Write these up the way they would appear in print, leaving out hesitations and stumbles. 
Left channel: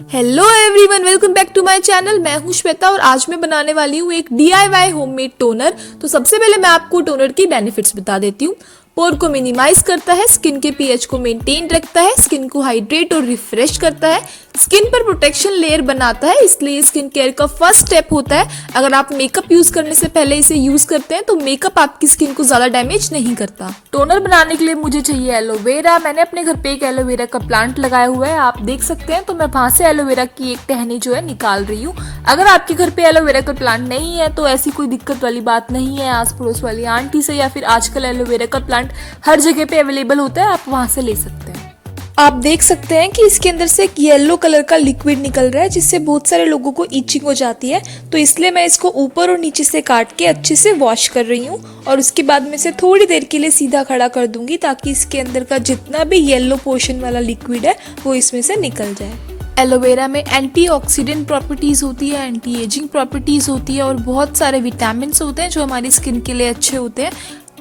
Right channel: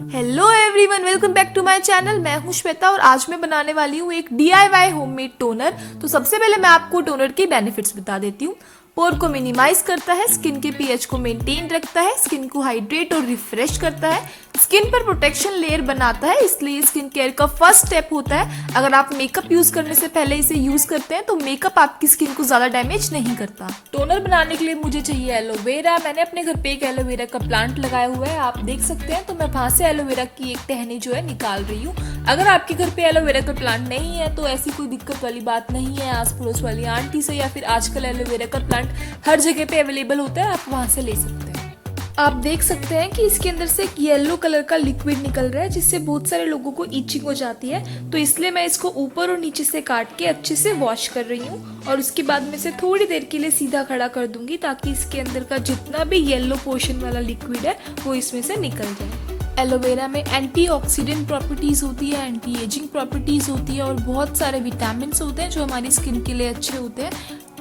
Hello everyone, welcome back to my channel. मैं हूं श्वेता और आज मैं बनाने वाली हूं एक DIY होममेड टोनर। तो सबसे पहले मैं आपको टोनर की बेनिफिट्स बता देती हूँ। पोर को मिनिमाइज करता है, स्किन के पीएच को मेंटेन रखता है, स्किन को हाइड्रेट और रिफ्रेश करता है, स्किन पर प्रोटेक्शन लेयर बनाता है, इसलिए स्किन केयर का फर्स्ट स्टेप होता है। अगर आप मेकअप यूज करने से पहले इसे यूज करते हैं तो मेकअप आपकी स्किन को ज्यादा डैमेज नहीं करता। टोनर बनाने के लिए मुझे चाहिए एलोवेरा। मैंने अपने घर पे एक एलोवेरा का प्लांट लगाया हुआ है, आप देख सकते हैं। तो मैं वहां से एलोवेरा की एक टहनी जो है निकाल रही हूँ। अगर आपके घर पे एलोवेरा का प्लांट नहीं है तो ऐसी कोई दिक्कत वाली बात नहीं है, आस पड़ोस वाली आंटी से या फिर आजकल एलोवेरा का प्लांट हर जगह पे अवेलेबल होता है, आप वहां से ले सकते हैं। आप देख सकते हैं कि इसके अंदर से एक येलो कलर का लिक्विड निकल रहा है जिससे बहुत सारे लोगों को इचिंग हो जाती है। तो इसलिए मैं इसको ऊपर और नीचे से काट के अच्छे से वॉश कर रही हूँ और उसके बाद में इसे थोड़ी देर के लिए सीधा खड़ा कर दूंगी ताकि इसके अंदर का जितना भी येलो पोर्शन वाला लिक्विड है वो इसमें से निकल जाए। एलोवेरा में एंटीऑक्सीडेंट प्रॉपर्टीज होती है, एंटी एजिंग प्रॉपर्टीज होती है और बहुत सारे विटामिन होते हैं जो हमारी स्किन के लिए अच्छे होते हैं।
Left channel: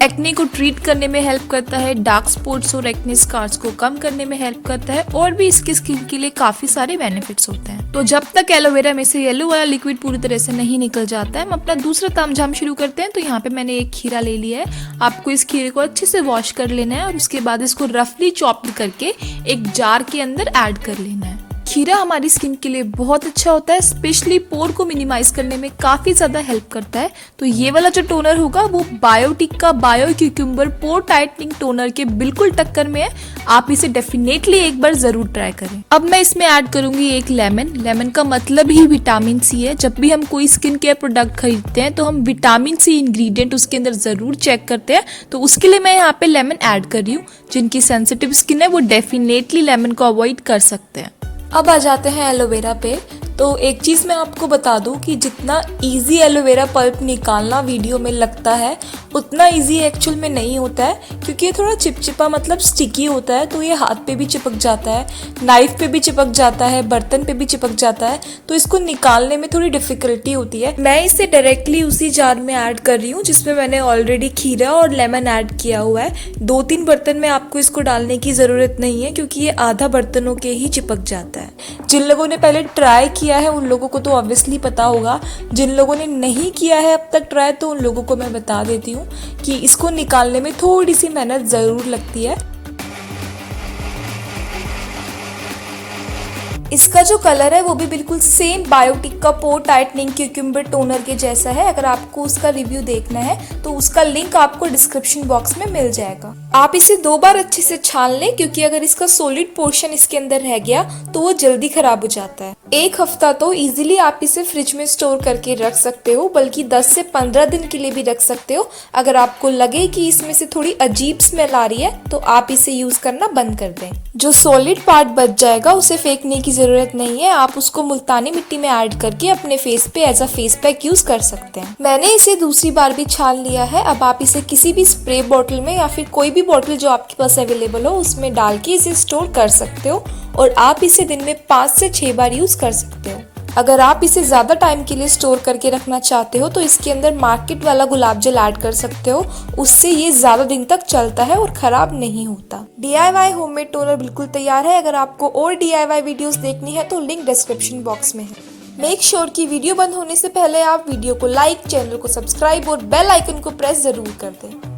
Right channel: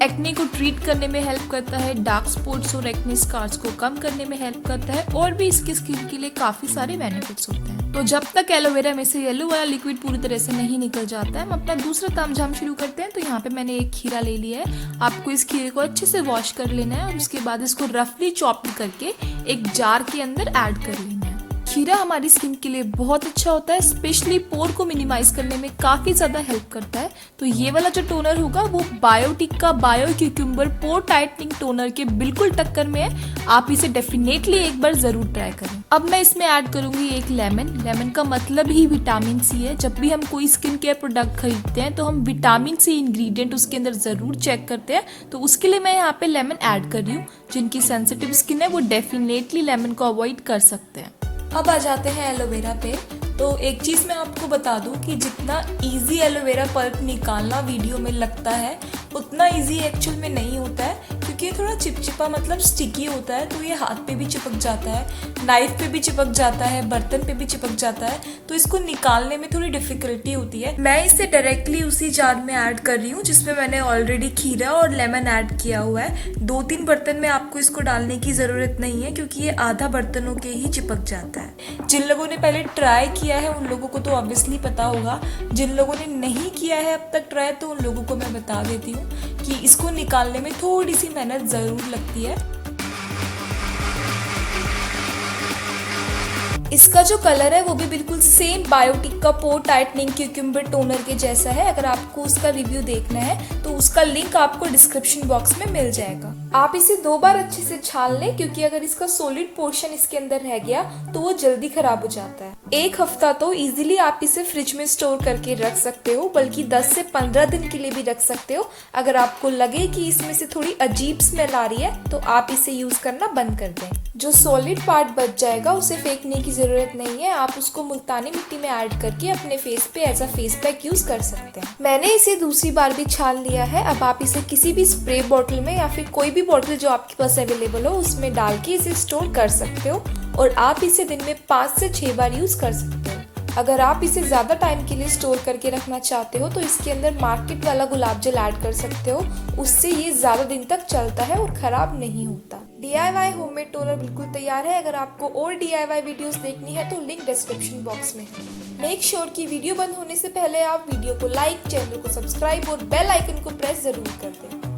एक्ने को ट्रीट करने में हेल्प करता है, डार्क स्पॉट्स और एक्ने स्कार्स को कम करने में हेल्प करता है और भी इसकी स्किन के लिए काफी सारे बेनिफिट्स होते हैं। तो जब तक एलोवेरा में से येलो वाला लिक्विड पूरी तरह से नहीं निकल जाता है, हम अपना दूसरा तामझाम शुरू करते हैं। तो यहाँ पे मैंने एक खीरा ले लिया है। आपको इस खीरे को अच्छे से वॉश कर लेना है और उसके बाद इसको रफली चॉप करके एक जार के अंदर ऐड कर लेना है। खीरा हमारी स्किन के लिए बहुत अच्छा होता है, स्पेशली पोर को मिनिमाइज करने में काफी ज्यादा हेल्प करता है। तो ये वाला जो टोनर होगा वो बायोटिक का बायो क्यूक्यूम्बर पोर टाइटनिंग टोनर के बिल्कुल टक्कर में है। आप इसे डेफिनेटली एक बार जरूर ट्राई करें। अब मैं इसमें ऐड करूंगी एक लेमन। लेमन का मतलब ही विटामिन सी है। जब भी हम कोई स्किन केयर प्रोडक्ट खरीदते हैं तो हम विटामिन सी इंग्रेडिएंट उसके अंदर जरूर चेक करते हैं। तो उसके लिए मैं यहाँ पे लेमन ऐड कर रही हूँ। जिनकी सेंसिटिव स्किन है वो डेफिनेटली लेमन को अवॉइड कर सकते हैं। अब आ जाते हैं एलोवेरा पे। तो एक चीज़ मैं आपको बता दूं कि जितना इजी एलोवेरा पल्प निकालना वीडियो में लगता है उतना इजी एक्चुअल में नहीं होता है, क्योंकि ये थोड़ा चिपचिपा मतलब स्टिकी होता है। तो ये हाथ पे भी चिपक जाता है, नाइफ पे भी चिपक जाता है, बर्तन पे भी चिपक जाता है। तो इसको निकालने में थोड़ी डिफिकल्टी होती है। मैं इसे डायरेक्टली उसी जार में ऐड कर रही हूँ जिसमें मैंने ऑलरेडी खीरा और लेमन ऐड किया हुआ है। 2-3 बर्तन में आपको इसको डालने की ज़रूरत नहीं है क्योंकि ये आधा बर्तनों के ही चिपक जाता है। जिन लोगों ने पहले ट्राई किया है उन लोगों को तो ऑब्वियसली पता होगा, जिन लोगों ने नहीं किया है अब तक ट्राई तो उन लोगों को मैं बता देती हूँ कि इसको निकालने में थोड़ी सी मेहनत ज़रूर लगती है। इसका जो कलर है वो भी बिल्कुल सेम बायोटिक का पोर टाइटनिंग क्यूक्यूम्बर टोनर के जैसा है। अगर आपको उसका रिव्यू देखना है तो उसका लिंक आपको डिस्क्रिप्शन बॉक्स में मिल जाएगा। आप इसे 2 बार अच्छे से छान लें क्योंकि अगर इसका सॉलिड पोर्शन इसके अंदर रह गया तो वो जल्दी खराब हो जाता है। 1 हफ्ता तो इजीली आप इसे फ्रिज में स्टोर करके रख सकते हो, बल्कि 10 से 15 दिन के लिए भी रख सकते हो। अगर आपको लगे कि इसमें से थोड़ी अजीब स्मेल आ रही है तो आप इसे यूज करना बंद कर दें। जो सॉलिड पार्ट बच जाएगा उसे फेंकने की जरूरत नहीं है, आप उसको मुल्तानी मिट्टी में ऐड करके अपने फेस पे as a face pack use कर सकते हैं। मैंने इसे दूसरी बार भी छान लिया है। अब आप इसे किसी भी स्प्रे बॉटल में या फिर कोई भी बॉटल जो आपके पास अवेलेबल हो उसमें डाल के इसे स्टोर कर सकते हो और आप इसे दिन में 5 से 6 बार यूज कर सकते हो। अगर आप इसे ज्यादा टाइम के लिए स्टोर करके रखना चाहते हो तो इसके अंदर मार्केट वाला गुलाब जल ऐड कर सकते हो, उससे ये ज्यादा दिन तक चलता है और खराब नहीं होता। DIY होममेड टोनर बिल्कुल तैयार है। अगर आपको और DIY वीडियोस देखनी है तो लिंक डिस्क्रिप्शन बॉक्स में है। मेक श्योर कि वीडियो बंद होने से पहले आप वीडियो को लाइक, चैनल को सब्सक्राइब और बेल आइकन को प्रेस जरूर कर दें।